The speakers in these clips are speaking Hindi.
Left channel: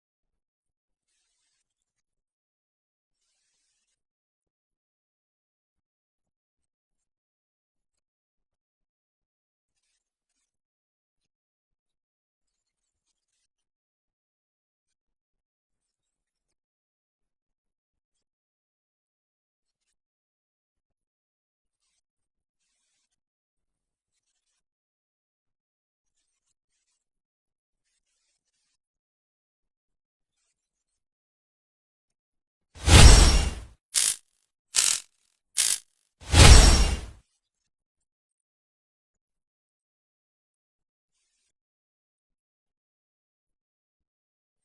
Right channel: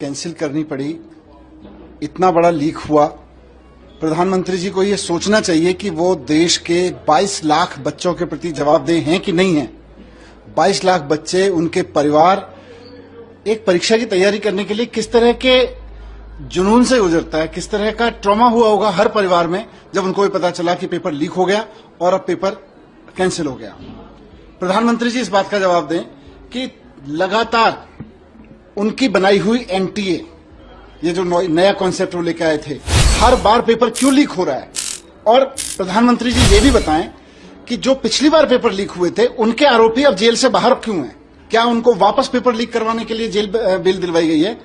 कैंसिल करनी पड़ी। इतना बड़ा लीक हुआ, प्रधानमंत्री जी को ये सोचना चाहिए कि वो देश के 22 लाख बच्चों के प्रति जवाबदेह हैं कि नहीं हैं। 22 लाख बच्चे, उनके परिवार एक परीक्षा की तैयारी करने के लिए किस तरह के जुनून से गुजरता है, किस तरह का ट्रॉमा हुआ होगा हर परिवार में जब उनको ये पता चला कि पेपर लीक हो गया और अब पेपर कैंसिल हो गया। प्रधानमंत्री जी इस बात का जवाब दें कि लगातार उनकी बनाई हुई एनटीए, ये जो नया कॉन्सेप्ट वो लेके आए थे, हर बार पेपर क्यों लीक हो रहा है। और प्रधानमंत्री जी ये भी बताएं कि जो पिछली बार पेपर लीक हुए थे उनके आरोपी अब जेल से बाहर क्यों हैं, क्या उनको वापस पेपर लीक करवाने के लिए जेल बेल दिलवाई गई है।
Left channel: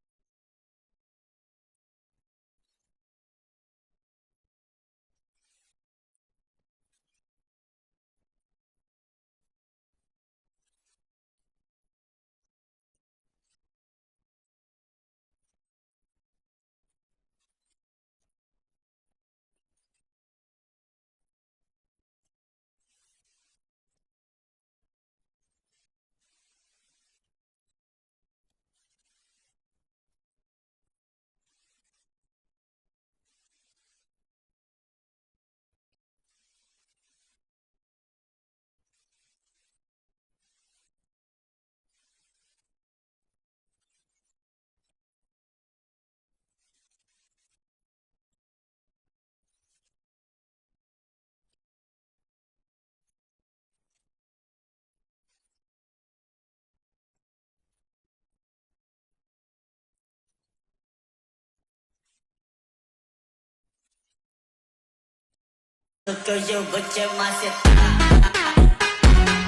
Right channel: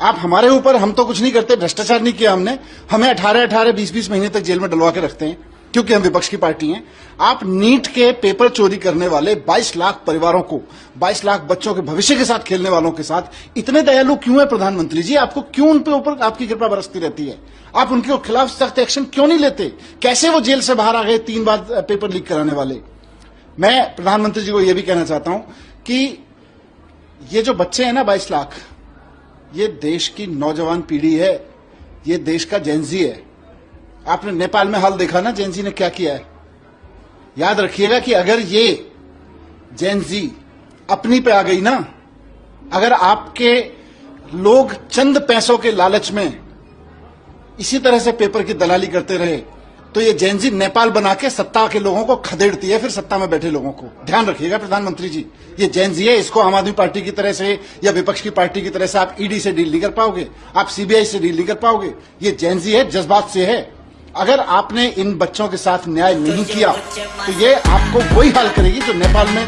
आप हमारे ऊपर, हम तो कुछ नहीं करते, भ्रष्टाचार नहीं किया हमने, हमें 18-18, 20-20 महीने तक जेल में डलवा के रखते हैं क्योंकि हम विपक्ष की पार्टी हैं। आप नीट के पेपर चोरी करने वाले 22 लाख परिवारों को, 22 लाख बच्चों के भविष्य के साथ खेलने वालों के साथ इतने दयालु क्यों है प्रधानमंत्री जी। आपको क्यों उन पे ऊपर आपकी कृपा बरसती रहती है, आप उनके खिलाफ सख्त एक्शन क्यों नहीं लेते। कैसे वो जेल से बाहर आ गए 3 बार पेपर लीक कराने वाले। मैं प्रधानमंत्री जी को यह भी कहना चाहता हूं कि ये जो बच्चे हैं ना 22 लाख, ये देश की नौजवान पीढ़ी है, ये देश का जेनजी है। आपने नेपाल में हाल देखा ना जेनजी ने क्या किया है। याद रखिएगा कि अगर ये जेनजी अपनी पे आ गई ना, अगर आपके लोग चंद पैसों के लालच में इसी तरह से पेपर की दलाली करते रहे तो ये जेनजी नेपाल बना के सत्ता के लोगों को खदेड़ती है, फिर सत्ता में बैठे लोगों को। ध्यान रखिएगा प्रधानमंत्री जी, ये जेनजी है, इसको आम आदमी पार्टी की तरह से या विपक्ष की पार्टी की तरह से आप ईडी से डील नहीं कर पाओगे, आप सीबीआई से डील नहीं कर पाओगे। ये जेनजी है, जज्बात से है। अगर आपने इन बच्चों के साथ न्याय नहीं किया तो ये आपको वही हाल करेगी जो नेपाल में